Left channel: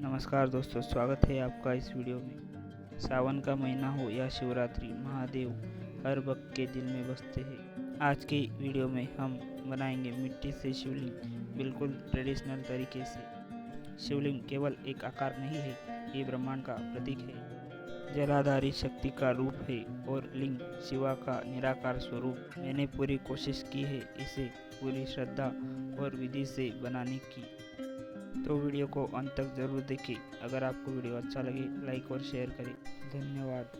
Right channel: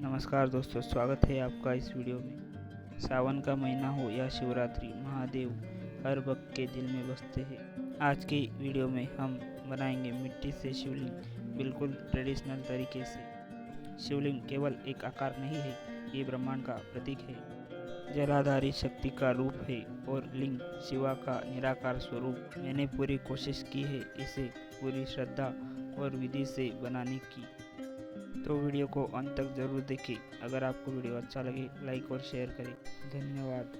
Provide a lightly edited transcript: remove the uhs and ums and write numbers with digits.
नमस्कार दोस्तों, स्वागत है आपका इस वीडियो में। सावन का महीना हो या शिवरात्रि, महादेव हर भक्त के दिल में बसते हैं। आज की वीडियो में हम बनाएंगे मिट्टी से शिवलिंग, बिल्कुल ट्रेडिशनल तरीके से। शिवलिंग केवल एक आकार नहीं है, ये ब्रह्मांड का प्रतीक है, जलाधारी शक्ति का रूप है और लिंग शिवा का निराकार स्वरूप। मैंने पूरी कोशिश की है इसे पूरी श्रद्धा और विधि से बनाने की, तो वीडियो को अंत तक जरूर देखें। अगर आपको वीडियो अच्छा लगे लाइक और शेयर करें। धन्यवाद।